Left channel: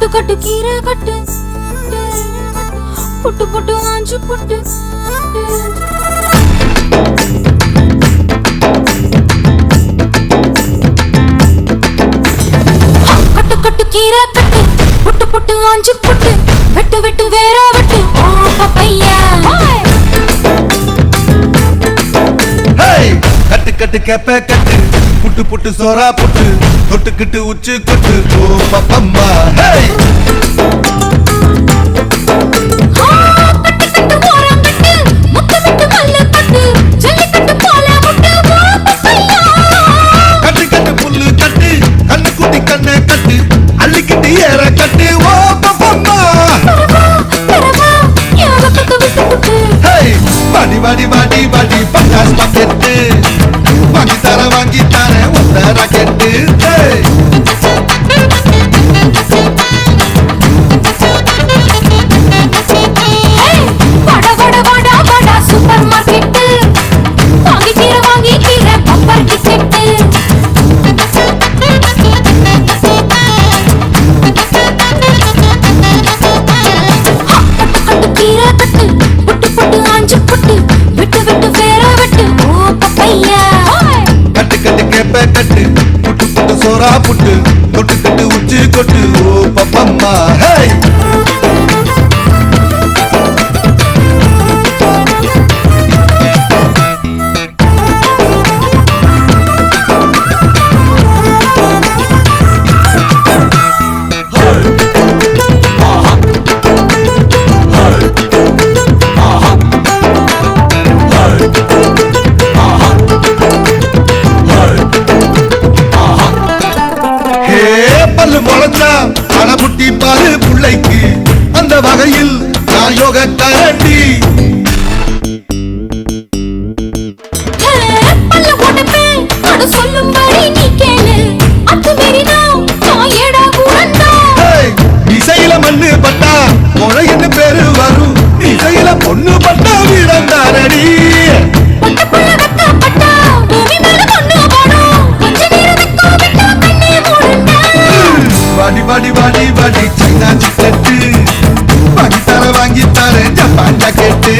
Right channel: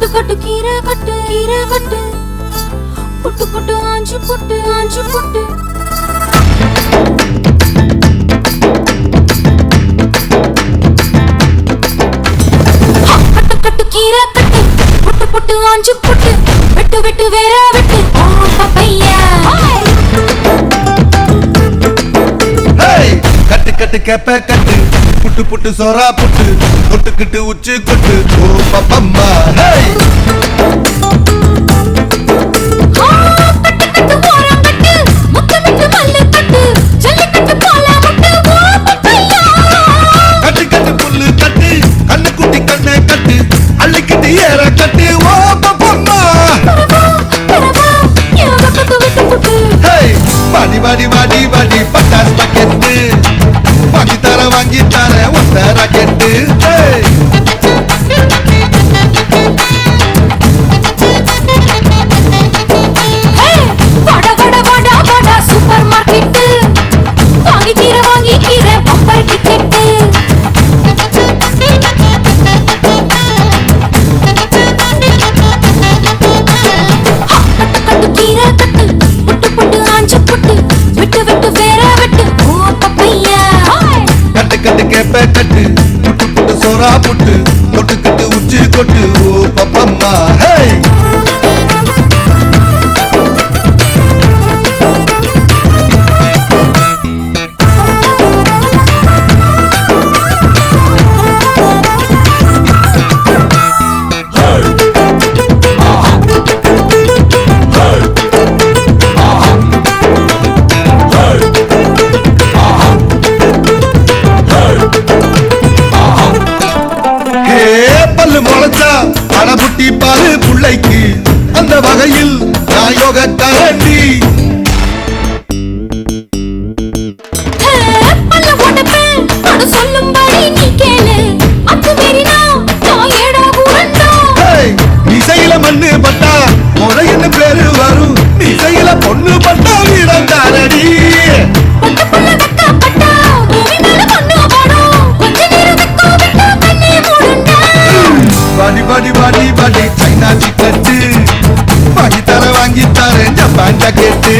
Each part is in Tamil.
கட்டு கட்டு கீரை கட்டு கீரை கட்டு புட்டு புட்டு ஆஞ்சு புட்டு ஆஞ்சு புட்டு கட்டு கட்டு கீரை கட்டு புட்டு புட்டு ஆஞ்சு புட்டு வெட்டு வெட்டு வேற வெட்டு ஓ பப்பையா கட்டு கட்டு கேப்ப கட்டு புட்டு புட்டு சோரா புட்டு தொட்டுக்கிட்டு உச்சி கொட்டு ஓ பப்பம்மா கட்டு கட்டு ஓரம் கட்டு முத்து விட்டு மல்லு கட்டு ஜல்லிக்கட்டு போல முட்டு ஓ பப்பையா கட்டு கட்டு புல்லு கட்டு கண்ணு குட்டி கண்ணை கட்டு அள்ளிக்கிட்டு ஏற கட்டு ஓ பப்பம்மா பெறவா யோக கட்டு விட்டு புட்டு வாடி வாடி வாடி வாடி பட்டாஸ் பாக்கெட்டு வாங்கி தர ஒத்த ராக்கெட்டு வட வட வட வட சூப்பர் மார்க்கெட்டு வாங்கி தீர பம்பர் டிக்கெட்டு கட்டு கீரை கட்டு புட்டு புட்டு ஆஞ்சு புட்டு விட்டு விட்டு வேற வெட்டு ஓ பப்பையா கட்டு கட்டு கேப்ப கட்டு புட்டு புட்டு சோரா புட்டு தொட்டுக்கிட்டு உச்சி கொட்டு ஓ பப்பம்மா முளைச்சா அடபுட்டி பாரு புள்ளைக்கு அந்த வகையில் நான் யோக கரண்டி சொல்லும்படி நீ கேளு அது மீறினா ஏடா கூடண்டா இசையில மண்ணு பட்டா என்ன பேரு வரும் இசையில பொண்ணு பட்டா வீடந்தாரடி பட்ட புள்ள வெக்க பட்டா பூமி மேல பொண்ணு போடும் கொஞ்ச நேரம் வெக்க விட்டா கண்ணே மூடுண்டா வாடி வாடி வாடி வாடி சைனா சிக்கெட்டு வாங்கி தர ஜப்பான் ஜாக்கெட்டு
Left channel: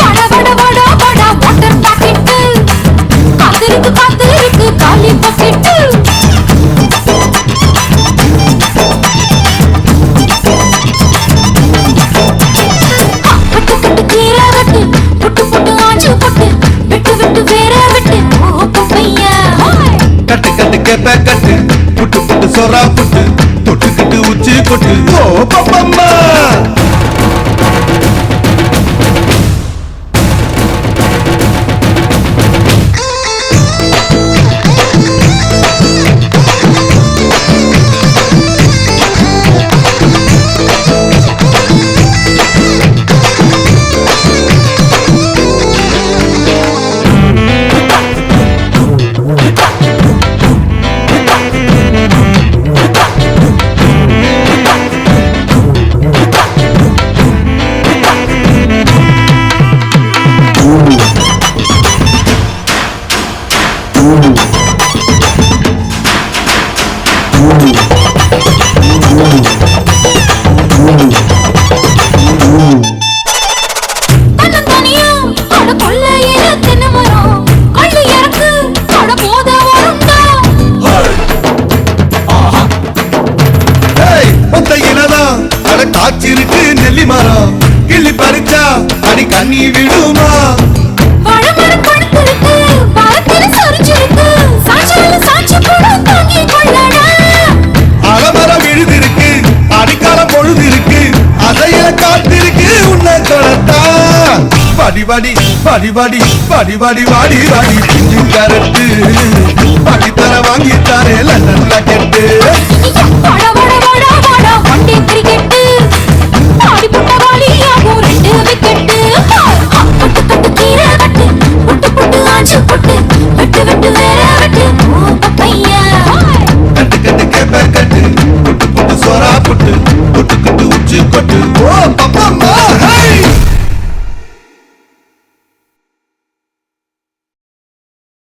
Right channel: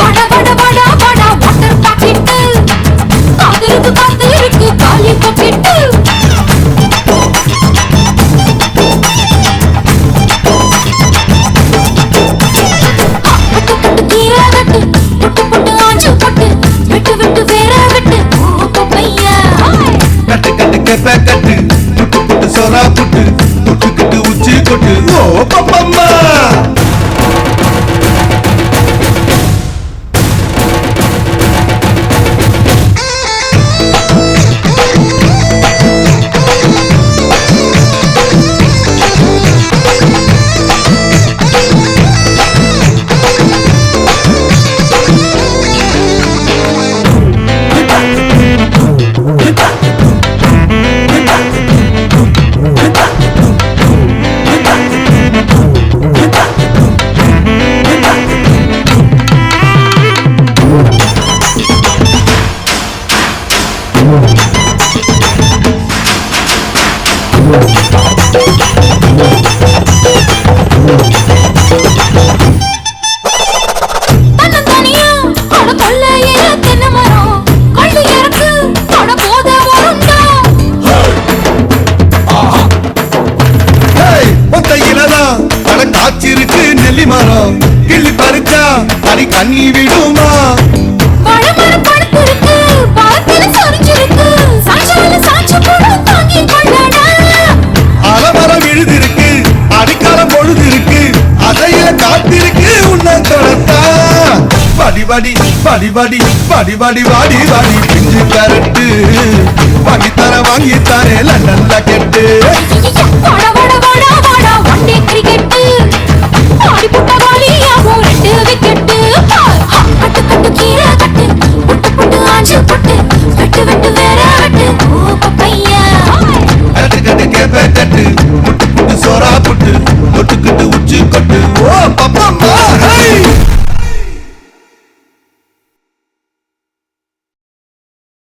வட வட வட வட வாட்டர் பாக்கெட்டு காத்து இருக்கு காலி பாக்கெட்டு கட்டு கட்டு கீரை கட்டு புட்டு புட்டு ஆஞ்சு புட்டு விட்டு விட்டு வேற விட்டு ஓ பப்பையா கட்டு கட்டு கேப்ப கட்டு புட்டு புட்டு சோரா புட்டு தொட்டுக்கிட்டு உச்சி கொட்டு ஓ பப்பம்மா காய்ச்சிருக்கு நெல்லி மரம் கிள்ளி பறிச்சா அடி கண்ணி விடுமா பழமரம் படுத்திருக்கு பாரத்தில சொரிஞ்சிருக்கு சாட்சியில சாட்சி போடு தாங்கி கொள்ளடா அலமரம் விழுதிருக்கு அடிக்காலம் பொழுதிருக்கு அதையில காத்திருக்கு உன்னை தொடத்தா வாடி வாடி வாடி வாடி வாடி வாடி வாடி வாடி பிஞ்சு கரட்டு வாங்கி தர லண்டன் ராக்கெட்டு வட வட வட வட வண்டி கிரிக்கெட்டு ஆடி புட்ட வாலியாகும் 2 விக்கெட்டு கட்டு கட்டு கீரை கட்டு புட்டு புட்டு ஆஞ்சு புட்டு வெட்டு வெட்டு வேற வெட்டு ஓ பப்பையா கட்டு கட்டு கேப்ப கட்டு